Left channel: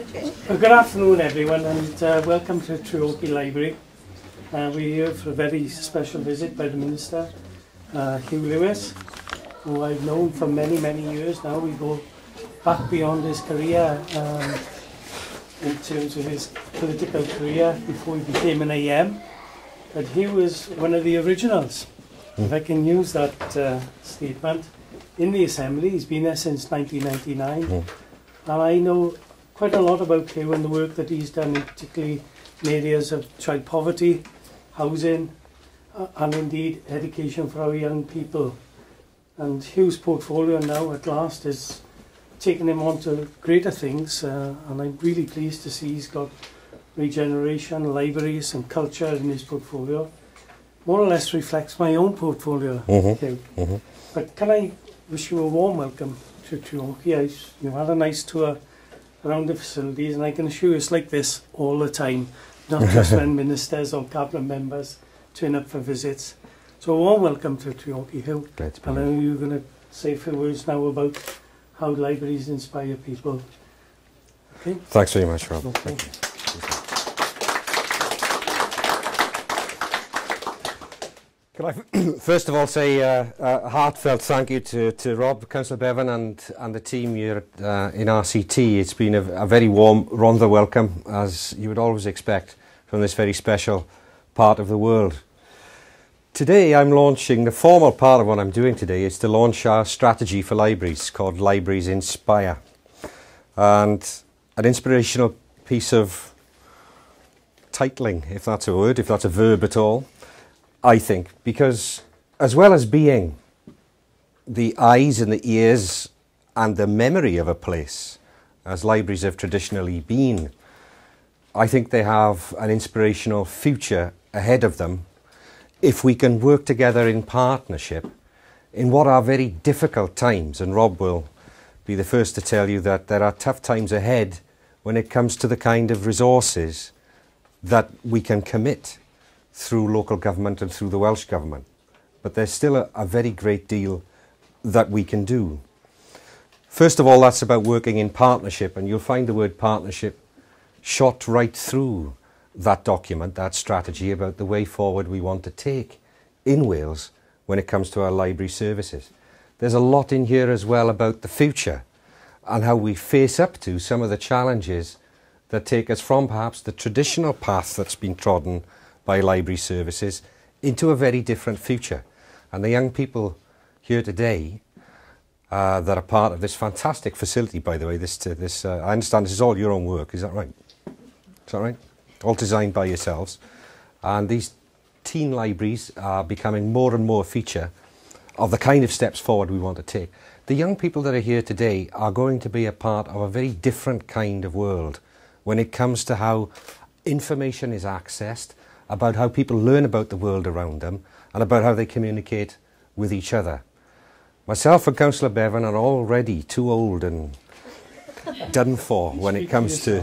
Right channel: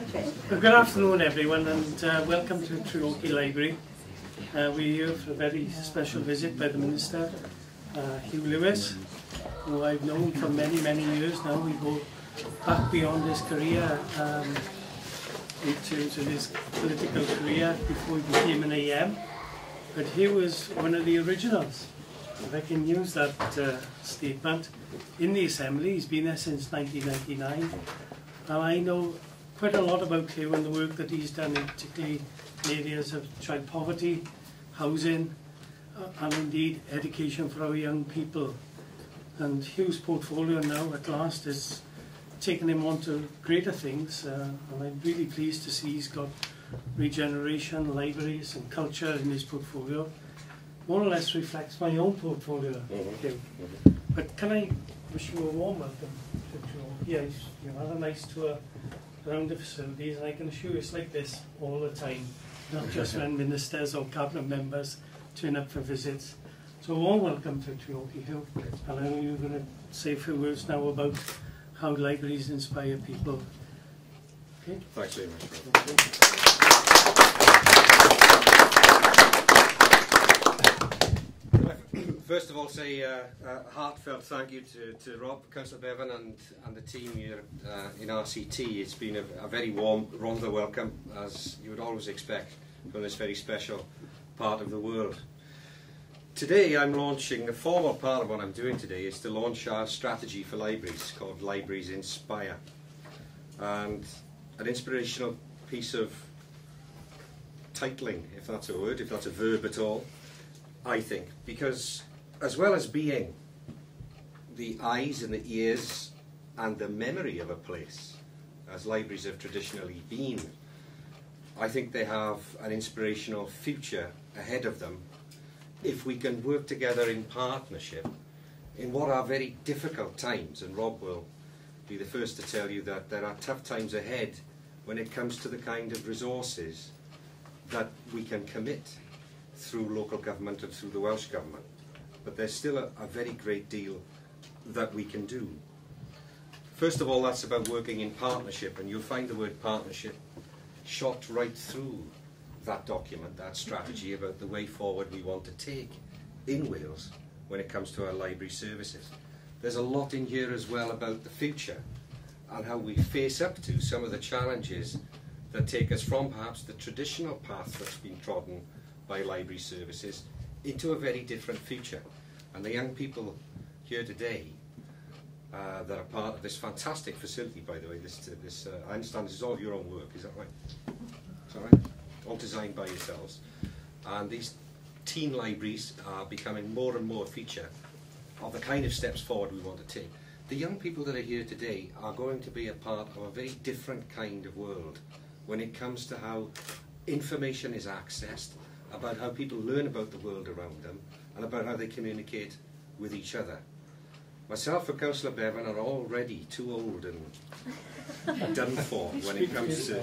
Well, good afternoon everyone, and welcome to Treorchy Library. We're here for a very special visit by the Minister, Hugh Lewis, who I've known for many, many years now. We go back beyond his career in terms of his political career before he became an AM. But Hugh was one of the originals, if I can use that statement, in the Assembly. He's been there since 1999. And I know quite a lot about Hugh and the work that he's done, particularly in areas of child poverty, housing, and indeed education for our young people. And Hugh's portfolio now at last is taking him on to greater things, and I'm really pleased to see he's got Regeneration, libraries and culture in his portfolio. More or less reflects my own portfolio, Hugh. But can I wish you a warm welcome to Treorchy. You've had a nice tour around the facilities, and I can assure you it's like this all the time, not just when ministers or cabinet members turn up for visits. So a warm welcome to Treorchy, Hugh. And I know you're going to say a few words now about how libraries inspire people. Okay? Thanks very much, Rob. Okay. First of all, say a heartfelt thank you to Rob, Councillor Bevan, and the team here in RCT. It's been a very warm Rhondda welcome, as you would always expect from this very special part of the world. Today I'm launching, the formal part of what I'm doing today is to launch our strategy for libraries called Libraries Inspire. And an inspirational piece of titling, if that's a word, if that's a verb at all, I think, because as well as being the eyes and the ears and the memory of a place, as libraries have traditionally been, I think they have an inspirational future ahead of them if we can work together in partnership in what are very difficult times. And Rob will be the first to tell you that there are tough times ahead when it comes to the kind of resources that we can commit through local government and through the Welsh Government. But there's still a very great deal that we can do. First of all, that's about working in partnership, and you'll find the word partnership shot right through that document, that strategy about the way forward we want to take in Wales when it comes to our library services. There's a lot in here as well about the future and how we face up to some of the challenges that take us from perhaps the traditional path that's been trodden by library services into a very different future. And the young people here today that are part of this fantastic facility, by the way, I understand this is all your own work, is that right? Is that right? All designed by yourselves. And these teen libraries are becoming more and more a feature of the kind of steps forward we want to take. The young people that are here today are going to be a part of a very different kind of world when it comes to how information is accessed, about how people learn about the world around them, and about how they communicate with each other. Myself and Councillor Bevan are already too old and done for when it comes to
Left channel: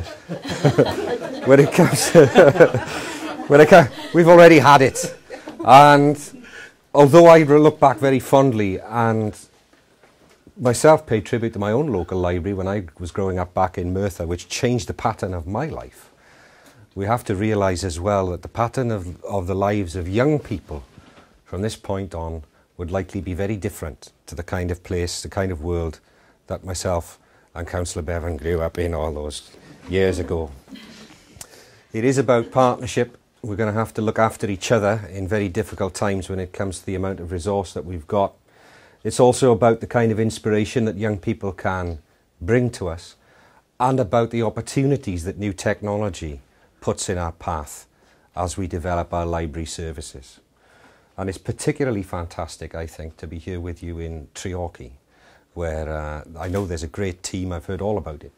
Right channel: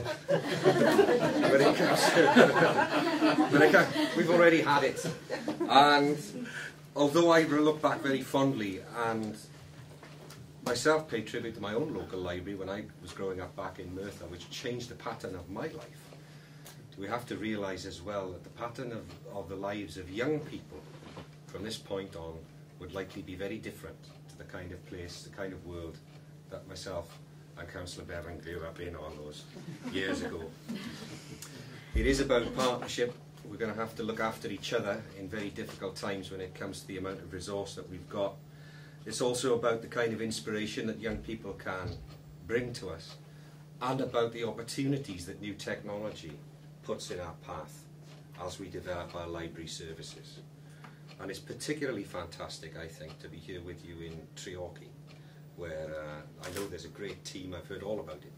we've already had it. And although I look back very fondly and myself paid tribute to my own local library when I was growing up back in Merthyr, which changed the pattern of my life, we have to realise as well that the pattern of the lives of young people from this point on would likely be very different to the kind of place, the kind of world that myself and Councillor Bevan grew up in all those years ago. It is about partnership. We're going to have to look after each other in very difficult times when it comes to the amount of resource that we've got. It's also about the kind of inspiration that young people can bring to us, and about the opportunities that new technology puts in our path as we develop our library services. And it's particularly fantastic, I think, to be here with you in Treorchy, where I know there's a great team, I've heard all about it,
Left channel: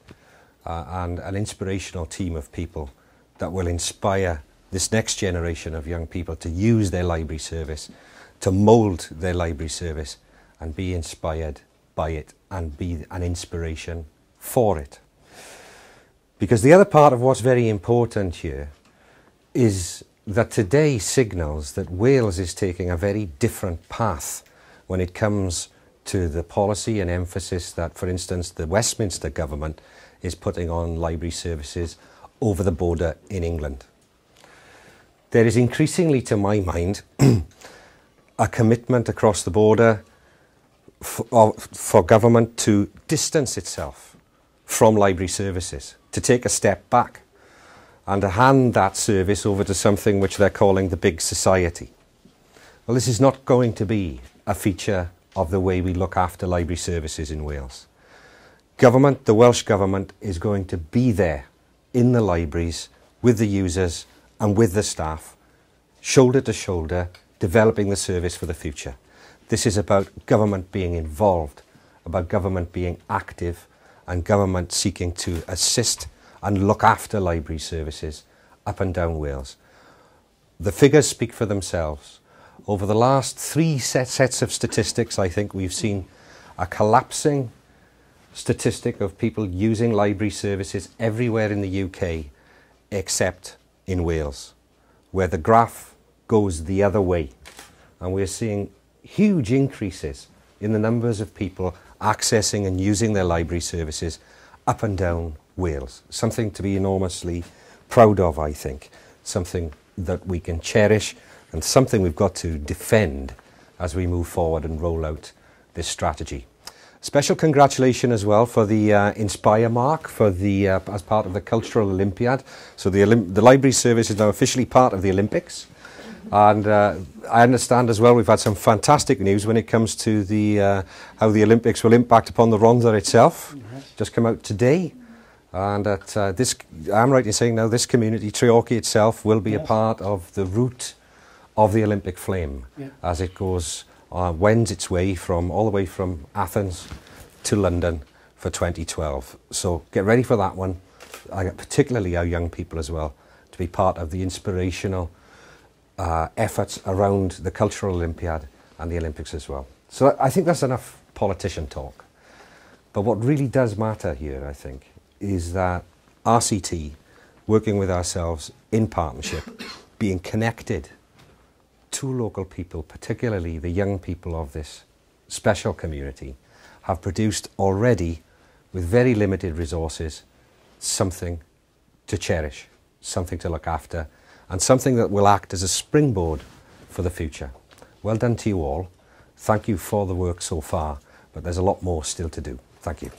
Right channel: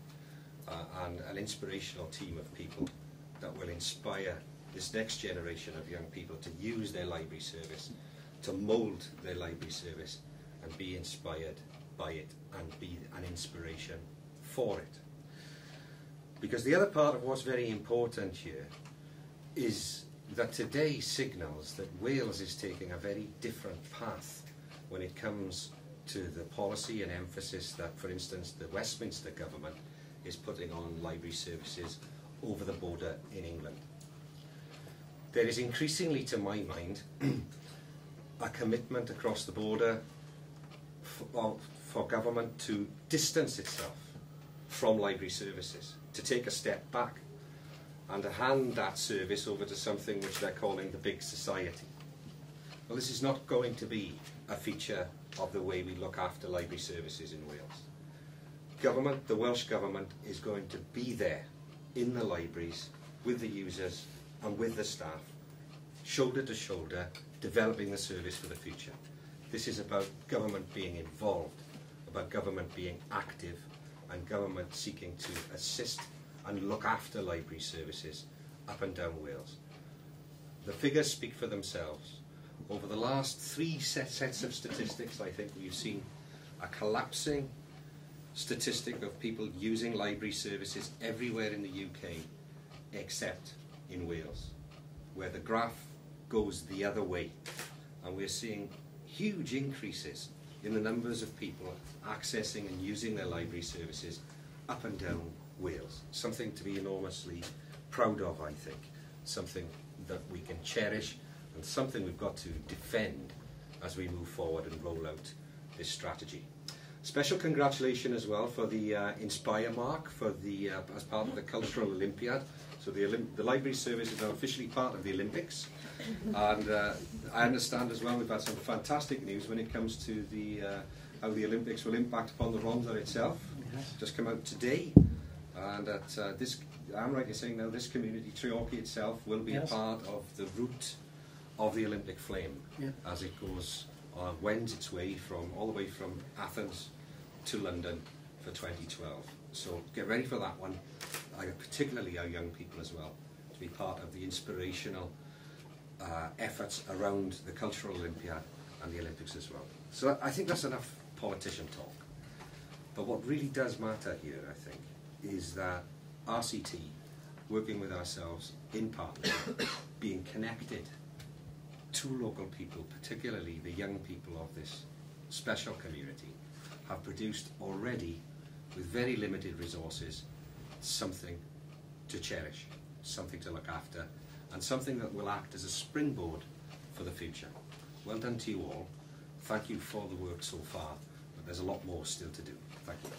and an inspirational team of people that will inspire this next generation of young people to use their library service, to mould their library service and be inspired by it and be an inspiration for it. Because the other part of what's very important here is that today signals that Wales is taking a very different path when it comes to the policy and emphasis that, for instance, the Westminster government is putting on library services over the border in England. There is increasingly, to my mind, a commitment across the border for government to distance itself from library services, to take a step back and to hand that service over to something which they're calling the big society. Well, this is not going to be a feature of the way we look after library services in Wales. Government, the Welsh Government, is going to be there in the libraries with the users and with the staff, shoulder to shoulder, developing the service for the future. This is about government being involved, about government being active, and government seeking to assist and look after library services up and down Wales. The figures speak for themselves. Over the last three sets of statistics, I think we've seen a collapsing statistic of people using library services everywhere in the UK except in Wales, where the graph goes the other way. And we're seeing huge increases in the numbers of people accessing and using their library services up and down Wales. Something to be enormously proud of, I think. Something that we can cherish and something we've got to defend as we move forward and roll out this strategy. Special congratulations as well for the Inspire mark for the as part of the Cultural Olympiad. So the library service is now officially part of the Olympics. And I understand as well we've had some fantastic news when it comes to the how the Olympics will impact upon the Rhondda itself. Just come out today. And that I'm right in saying now this community, Treorchy itself, will be a part of the route of the Olympic flame as it goes, wends its way all the way from Athens to London for 2012. So get ready for that one, particularly our young people as well, to be part of the inspirational efforts around the Cultural Olympiad and the Olympics as well. So I think that's enough politician talk. But what really does matter here, I think, is that RCT, working with ourselves in partnership, being connected to local people, particularly the young people of this special community, have produced already, with very limited resources, something to cherish, something to look after, and something that will act as a springboard for the future. Well done to you all. Thank you for the work so far, but there's a lot more still to do. Thank you.